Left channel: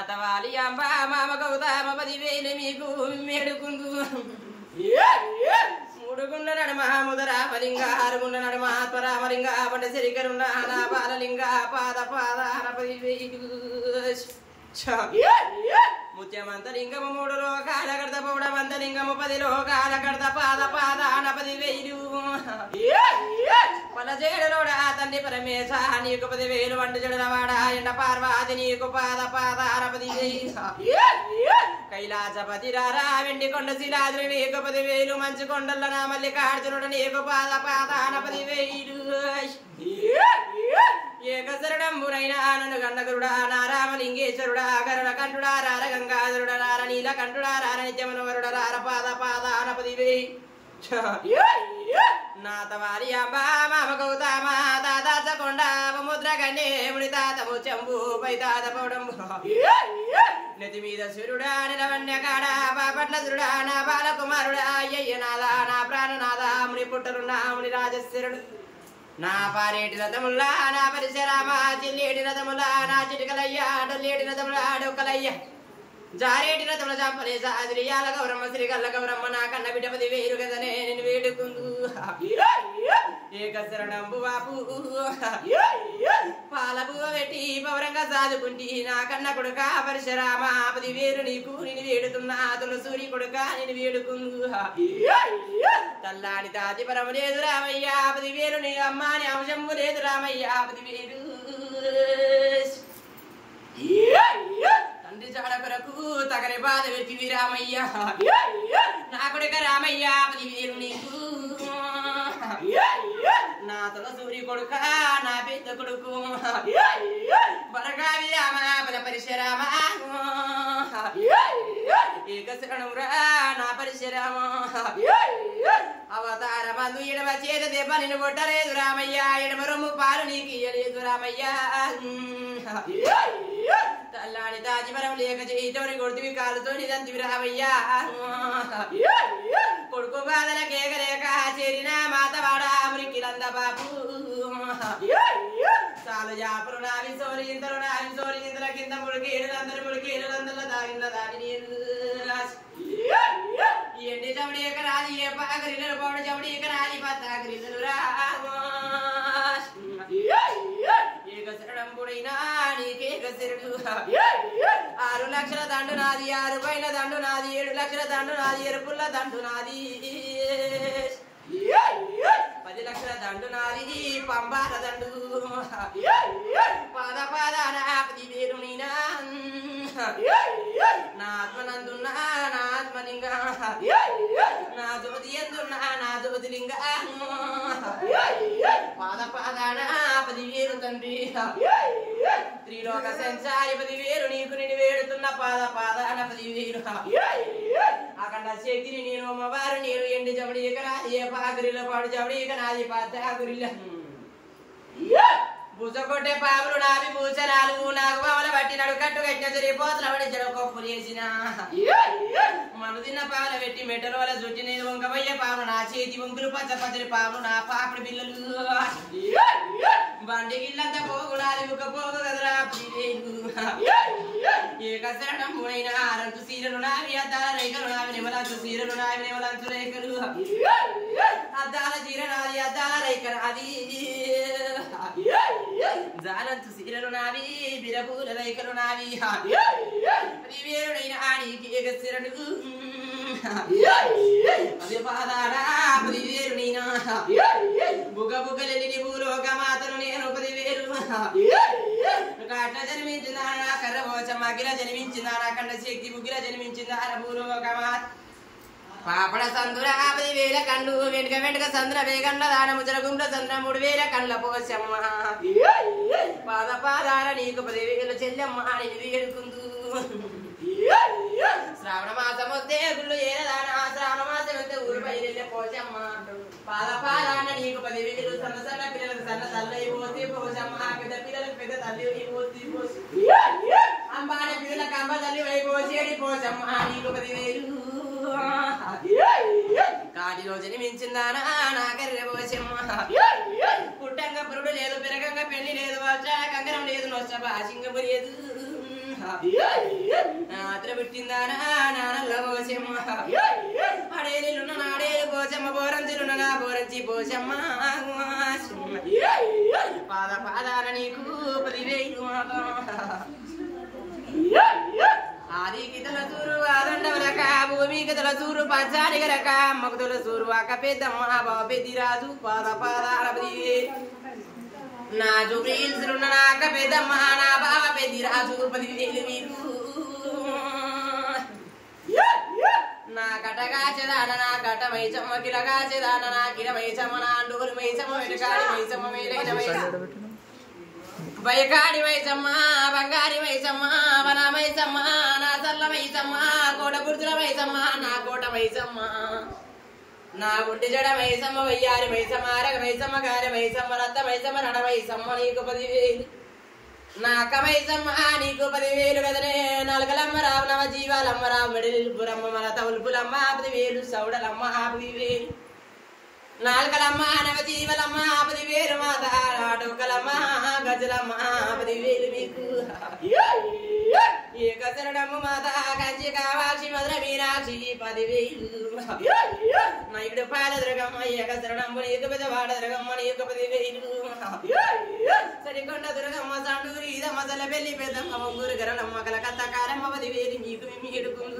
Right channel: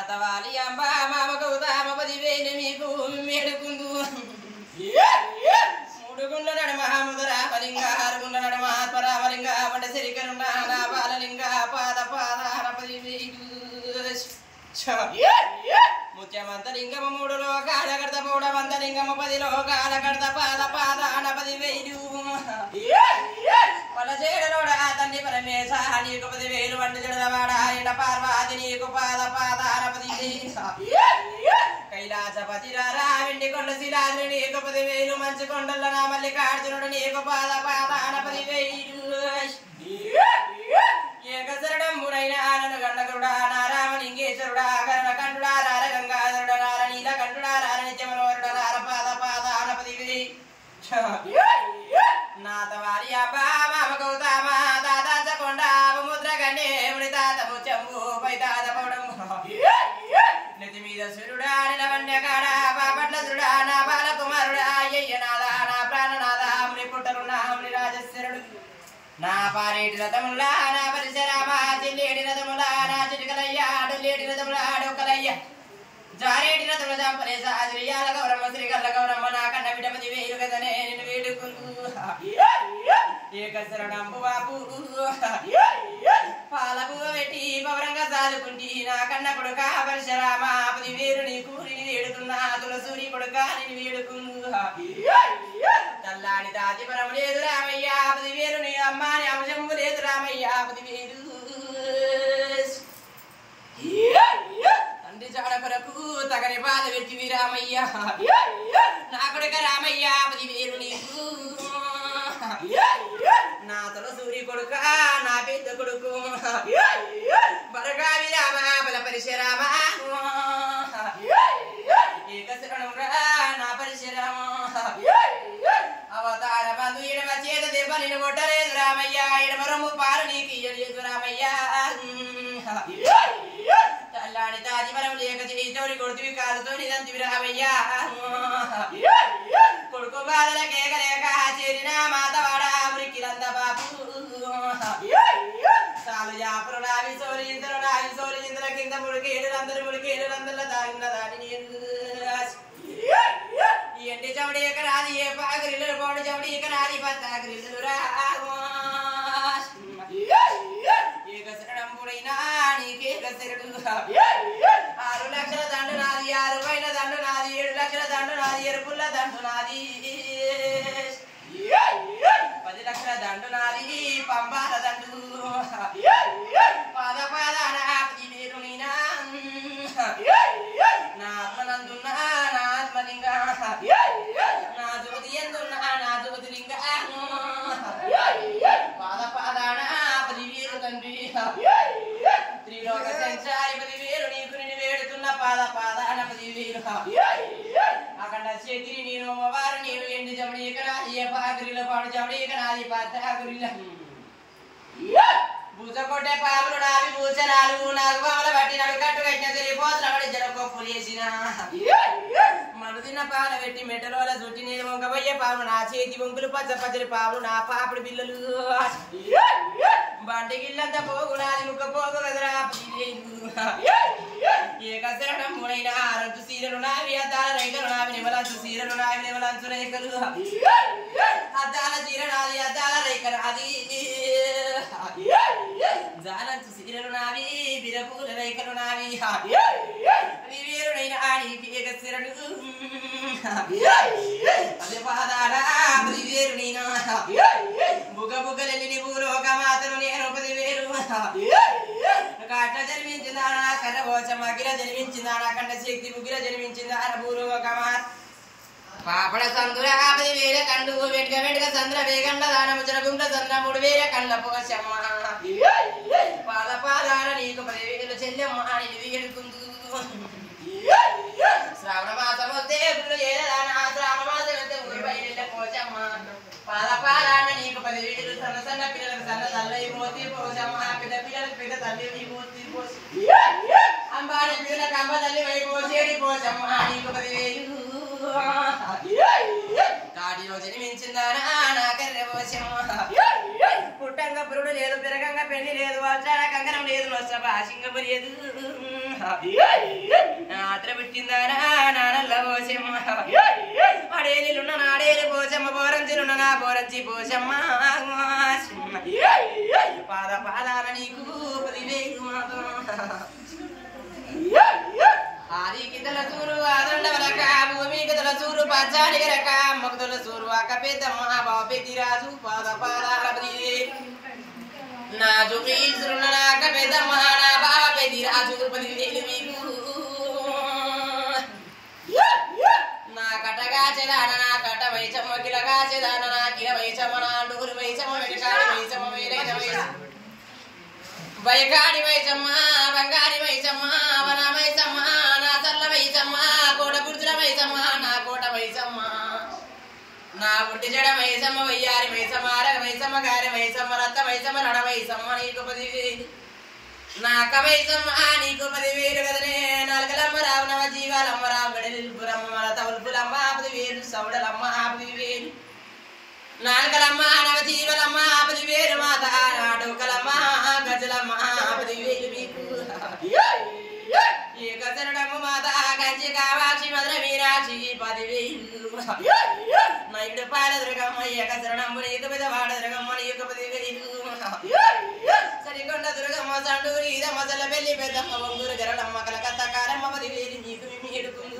అతవాలి అంబ మామ గౌతమ పదివేలు మీకు మేడుకుందు మూడుగుండ నడమ ముదరామలింగ ఆరుగుండ నడమ పరామలింగ పడ్డ సిరికరుండ నా బాలలింగ పాద పాద పదివేలు ముత్యమంతలింగము మూడు లోకాల కడత పౌడమంతలింగము 10 లోకాల కడత పాద పాద 10,000 పలచేడులోడా తండ్రి పరమేశ నీకు 10,000 వంట జడవాడ ఎండ పార్వాది నీకు పాద పాద 10,000 కైలాసపతి రారా వెండి కొండ శిలాద్రి నీకు 10,000 మంచు కొండల నా మల్లికార్జునుడు నీకు పాద పాద 10,000 ఏకశరణంబునైనా నన్ను గండకుడా నారామలింగేశ్వరుడా గరుడ కంఠుడా రార గంగాధరుడా నార నీల కంఠుడా రార నిత్యమనోరుడ రార పాద పాద 10,000 నాతవారి అబ్బా మామ గౌతమ తాత చకొండ ముద్ర గండే ముడి తాత ముచ్చంబు పై తాత పౌడంబు నెతి మీద సూర్యుడా నిలవన్య కాడ బాపట్ల సురుడా నా బాలకుమారుడా అయ్యయ్య నాదా నా ప్రాణనాథ ముని పుట్టనున్నా ముని రాజేశ్వరుడు నా పారేటి రథములా నా పరిశరామ చెల్లేడి రథములా నా చిటికలయ్య అడలేడి రథములా డొక్కలయ్య జారేటి రథముల చంపలేస శ్రీయాల గౌరమ్మ శ్రీగల్ల గౌరమ్మ నా కన్న బిడ్డ 10,000 కదనే నేను వేడుకుందు ఏకశరణంబు బాపు పాలబువ పెట్టి పౌరంగా సాదుకుంటి నా కన్న కొడుక పరిశరామ 10,000 నీకు నేను వేడుతున్నా తులసూరి కొడుక నేను వేడుకుందు తల్లాడి తాతి పరము లేదు రామయ్య 10,000 నీ అమ్మాని అంశంబు లేదు రామయ్య 10,000 తండ్రి జాడ కొరకు తగని బాధ వెతివి రామయ్య నా కొడుక రామయ్య 10,000 నీకు నా తులసూరి కొడుక నా పెద్ద కొడుకు బరగావి రామ బల పరిశరామ ఏకశరణమురా నా పరిశరామ అవతార బంధు ఎడమ చేత దెబ్బ నిన్ను కొట్టలేదు రామయ్య ఎడమరము పాలు నీకు ఇయ్యలేదు రామయ్య తల్లాడి తాజిమరం లేక చేయితోని కొడుతువి కాలుతోని దంతివి రామయ్యా కొడుకు బాధల కేకలేక చేరిన మాతవాడ మురికిలంద బాపు సాలు జాపులు నావి సోరి ఇంతలు నావి సోరి ఇంతల కింద ముడికేడు నందల తాగిన దాని నేను ఎండి చమడి ఎకరాది ఏ పాగరిల్లలు పౌడు చమడి ఎకరాది పత్తాగరిల్లలు రా ఏకశరణంబుడైనా నీకేకశరుడు 6 లక్షల దండు నాది 6 పైన దండు నాది 7 లక్షల దండు నాది ఎరుపుల్ల దండు నాది 10 లక్షల దండు నాది పంబాల దండు పాద పాదాన 10,000 నీనా నా ఆత్మనందున్నా నా ఆత్మలింగ నా జ్యోతి ఎందున్నా నా జ్యోతిలింగ పాద పాదాన 10,000 తండ్రి త్రిలోక సంచారి 10,000 నీకు నేను వేడుతున్న పాద పాదాన 10,000 అఖండ శక్తిని నేను అమ్మవారు నేను ఎండి జమడి ఎకరాది ఏ పాగురిలో పాడు జమడి ఎకరాది పాగురిల భూసకొట్టే పాములు నావి భూచనాలు నాకు పాముల బట్టి నడు కట్టు కట్టిన తిరిగిపోతున్న పడి జనకొప్పులు వేసిన మను తిన్న పాముల పెట్టి మెట్టలోల చుట్టి నేను వంకబోయే పాము నా చేతి వంకులు పచ్చ పచ్చడి పాములు నా పాపుడు పిల్లలు బండి గిల్లంతా పోగు నాది ముక్క పోగు కదరా ఏకశరణం మునైన ఆరంతు సీరలు నావి అద్దాల రేఖలు నావి నిమలంచు సీరలు నావి నిమలంచు రేఖలు అద్దాల చీర నాది అద్దాల రేఖ నాది జాలంచు సీరలు నావి బిరపూల రేఖలు నావి 10,000 నీకే ఏకశిరణు పది పాదాల 10,000 నేను బుగ బుగలెల్లి భూలోక మాతను నేను 10,000 కాట్ల జన్మించిందా నా కర్రవోచమ్మ గిల జన్మించిందా నా కండ శక్తి బుగిల జన్మించిందా భూలోక మాత పాపడ సందుర 50,000 కండు వెంటక వెంటక సంద్ర వేగండ దాన ముజర గుండ్ర సంద్ర 3,000 కండ్ల పోచమ్మ పాద పాదాల నీకు 10,000 చెల్లెమ్మ నేను వేడుకుందు శ్రావణ మాసం వస్తే గుళ్ళు ఏదానా శ్రావణ మాసం వస్తే ఊరు బయలు పోచమ్మ పాద పాదాల నీకు 10,000 సన్న సన్న పిల్లలకు సన్న తల్లి పోతే పోచమ్మ పెద్ద పిల్లలకు పెద్ద తల్లి పోతే అంబాడి పిల్లలకు అంబ తల్లి పోసేది పోచమ్మ నీకు 10,000 కాడిలో జన్మించిందానా నా కర్రె పోచమ్మ పుట్టంగా పురుడు లేదు పెరగంగా పెళ్లి లేదు వర్షాల కంగరం లేదు నొచ్చ భాషింగము లేదు ఆత్ర పెట్టిందానా నానల్ల పోచమ్మ అడేలిలున్న నాడేలి పోచమ్మ బోరంచిలున్న నా బోరంచి పోచమ్మ పాద పాదాల నీకు 10,000 ఆదికి తల చూరు ఆదండవరక భూమికి తల చూరు పచ్చాడి గరక అమ్మకు తల చూరు అక్క పెద్దమ్మ బాబెద్ది రాజు పాద పాదాల 10,000 నా జుబీల్సున్న నాక పెద్దమ్మ నా బావ పెద్ది రాజు 10,000 మీకు నా కటగాచెదాన నా కట వైచమ్మ కిలగాచెదాన నా కిల వైచమ్మ నా అండూరు వైచమ్మ వెటకాడి వైచమ్మ మేలైన వైచమ్మ బయకాడి వైచమ్మ బంగారి వైచమ్మ వన వైచమ్మ నా చల్ల వైచమ్మ కోట గుర్జుల వైచమ్మ నా కోట వైచమ్మ నా బుడ్డి జడ వైచమ్మ వయ్యారి వైచమ్మ అరగ వైచమ్మ గారి వైచమ్మ రత్త వైచమ్మ నడ వైచమ్మ నీకు 10,000 నా కమైచమ్మ నీకు 10,000 కదనే నలకలమ్మ రావు నవ జీవాలమ్మ రావు బడిలిపురమ్మ మన తవులుపులమ్మ 10,000 సౌడలమ్మ 10,000 నాలుకలమ్మ నవ జీవలమ్మ 10,000 మాత ఆటోకలమ్మ గజలమ్మ 10,000 మీకు ఏకశరణమ్మ మాత కంచి కావాక్షి మధుర మీనాక్షి 10,000 నైడు పాల దుర్గమ్మ ఏకశరణమ్మ నీకు పెద్దవాడ దుర్గమ్మ నీకు 10,000 సరికొండ దుర్గమ్మ సండూరి ఇదమ్మ చల్ల పెళ్లి పెద్దమ్మ ఒంగూరు జరలమ్మ కలకత్త కారమ్మ 10,000 మీకు మీడుకుందు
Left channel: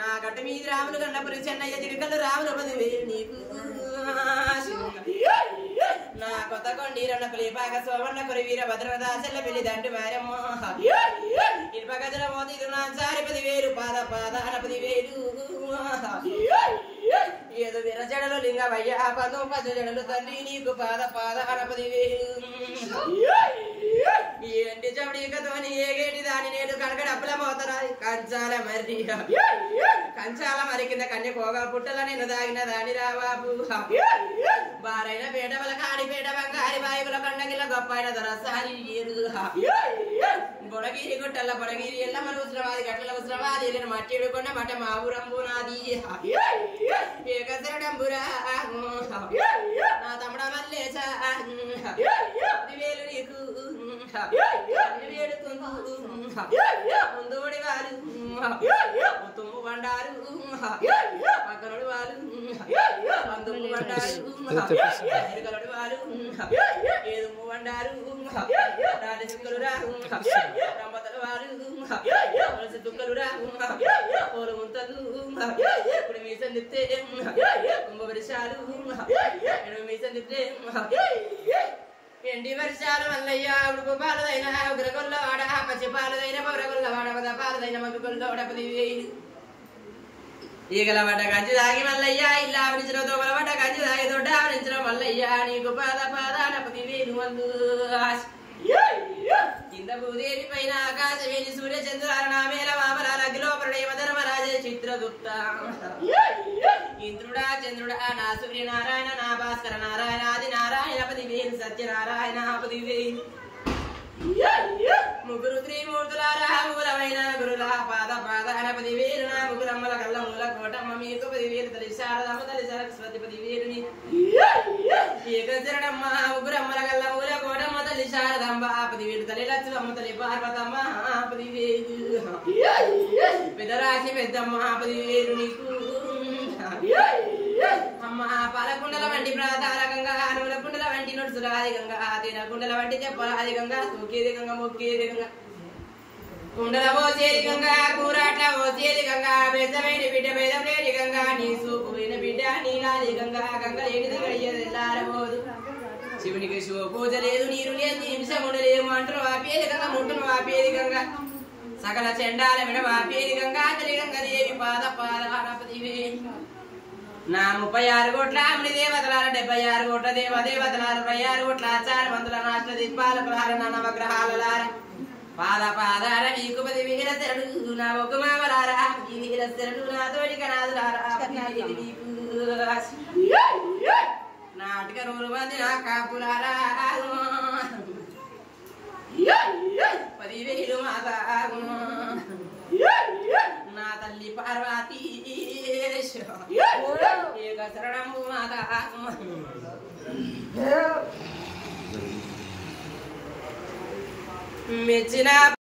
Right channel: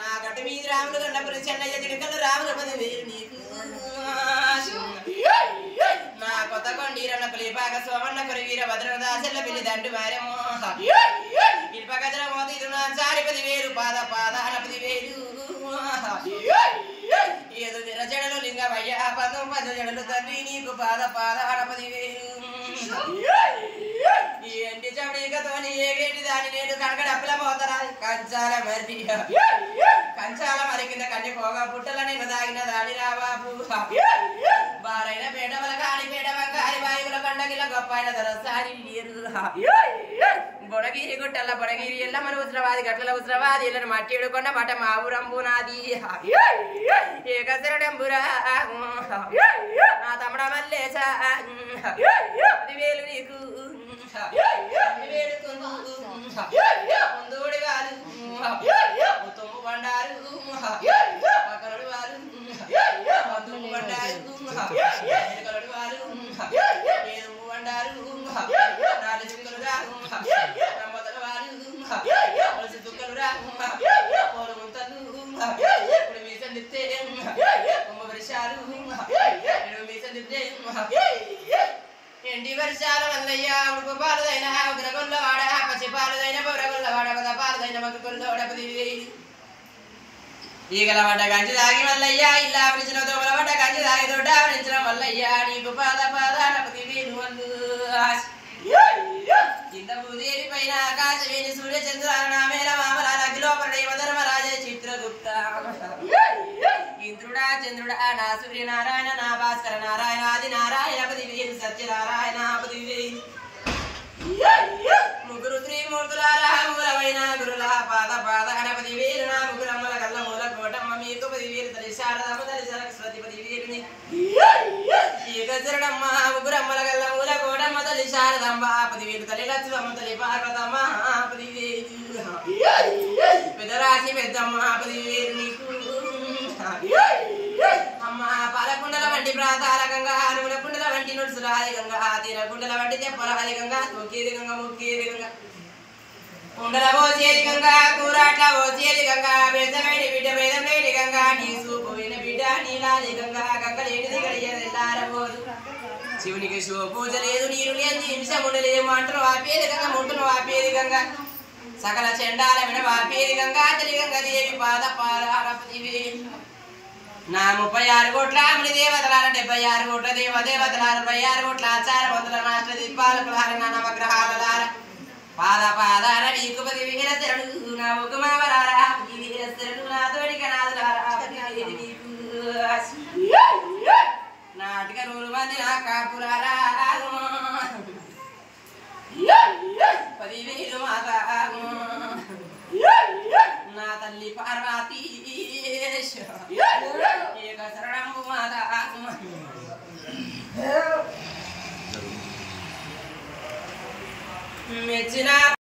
నా గట్టు మీద రాములు గండపురి చెన్నయ్య చిడుకలు రాములు 10,000 నీకు నా కొత్త కొండీరన్న పులిపాక సోమన్న కురవీర భద్రదాసల్ల పెళ్లి దండు వారమ్మ ఇల్పక జల మోతి ఇది నా చారి 10,000 పాద పాదాన 10,000 ఏదో విరజడలు లింగమయ్య పదం పద జడలు తండ్రి నీకు పాద పాదాన 10,000 ఏంటి చవడికతోని ఏగేటి దాని నేను కనకడ అప్పుల పోతరా కంచాల మరి కంచాల మరి కింద కన్యకోగా పుట్టల నేను దాగిన దాని రాబాబు బారైన పేట వల కాడి పేట వంకారి బాయిల పండగిల గొప్పైన దొరసారి బొడగిరి గుట్టల బొడగిరి ఎల్ల మరి ఉత్సవాది గట్ల ఉత్సవాది ఎల్లని మట్టిడు కొండ మట మా ఊరంబు నాది ఏకశరణంబురా నా తమ్ముడ మల్లేశ 10,000 నీకు 10,000 ముందుడి వారు తుమ్ము బండారు పక్కనడు వారు బంధువు బండారు ఎరుకలడు వారు ఏదుమ్ము బండారు రాలి చుక్కలు రావు రమ్మతలు వారు వలస చుక్కలు రావు పోల ముంతలు ఇప్పుడు మీసం తిప్తే కుమ్మ వర్షాలు మీసం తిప్తే ఎండి వర్షాల వల్లయ్య ఉడుకు పాలదైన ఉగ్రగొల్ల వాడ పచ్చి పాలదైన పొరగొల్ల వాడ పద పాలదైన మగ్గుకొల్లోడ 10,000 ఈగల పడ్డ కంచి దాగి మల్లయ్య ఇల్లా ఆవరించిన దోమల పడ్డ కంచి దాగి దొడ్డ ఆవరించిన మల్లయ్య నీకు పాద పాదాన 10,000 వల్లు కింద భూదేవి పైన ఆకాశవేణి సూర్య చంద్రాల నామేల మామలాల అఖిలోపరణయ ధర్మరాజ చిత్రగుప్త ఇంద్రుడా చంద్రుడా నా సూర్యనారాయణ నా భాస్కర నారాయణ ఆది నారాయణ 10,000 సత్యనారాయణ 10,000 ముగ్గురు త్రిమూర్తులారా మూలమైన గురుల పాద పాదాన 10,000 నా ముగ్గురమ్మల కల్ల మూల కోటమ్మ మీకు 10,000 తల్లి శారదమ్మ తల్లి సరస్వతి 10,000 ఏకశరణమ్మ ముగ్గురమ్మల కల్ల మూల కోటమ్మ తల్లి శారదమ్మ 10,000 తల్లి లక్ష్మమ్మ తల్లి పార్వతమ్మ 10,000 పెద్ద రాశి పెద్దమ్మ 10,000 నీకు అమ్మ పాలకుండల వంటి ప్రాతాల గంగా నూనె కుండల వంటి నుడుసులాది గంగా తేన కుండల వంటి చెప్పలాది గంగా తూకేది గంగా ముక్కేది గంగా కుండల పోసేది గంగా కూరాట్ల పోసేది శివునికి శివ పూజ లేదు నీరు లేదు హింసముడు లేవు మంటలు వాపేది గంగ ముట్టును వాపేది గంగ సకల చెండాల విడ వాపేది గంగా తల్లి గంగ దేవి పాద పాదారపతివి నా 36 కోట్ల అమలి దేవతలార 76 కోట్ల దేవదేవతలార 26 కోట్ల ఆచార బంధుల నాష్ట దీపాల ప్రహార నా నవగ్రహాలలార పాద పాదాల వీకుపతి విహిర శరణు నా ఒకమావరార ఈ విహిర శరణు నా తోడిక నాదులారా నాటిక నూరు మంది నా కాకులారా 10,000 మాత నా తల్లి పార్వతీ ఏక శరణంబు మాత మెచ్చిన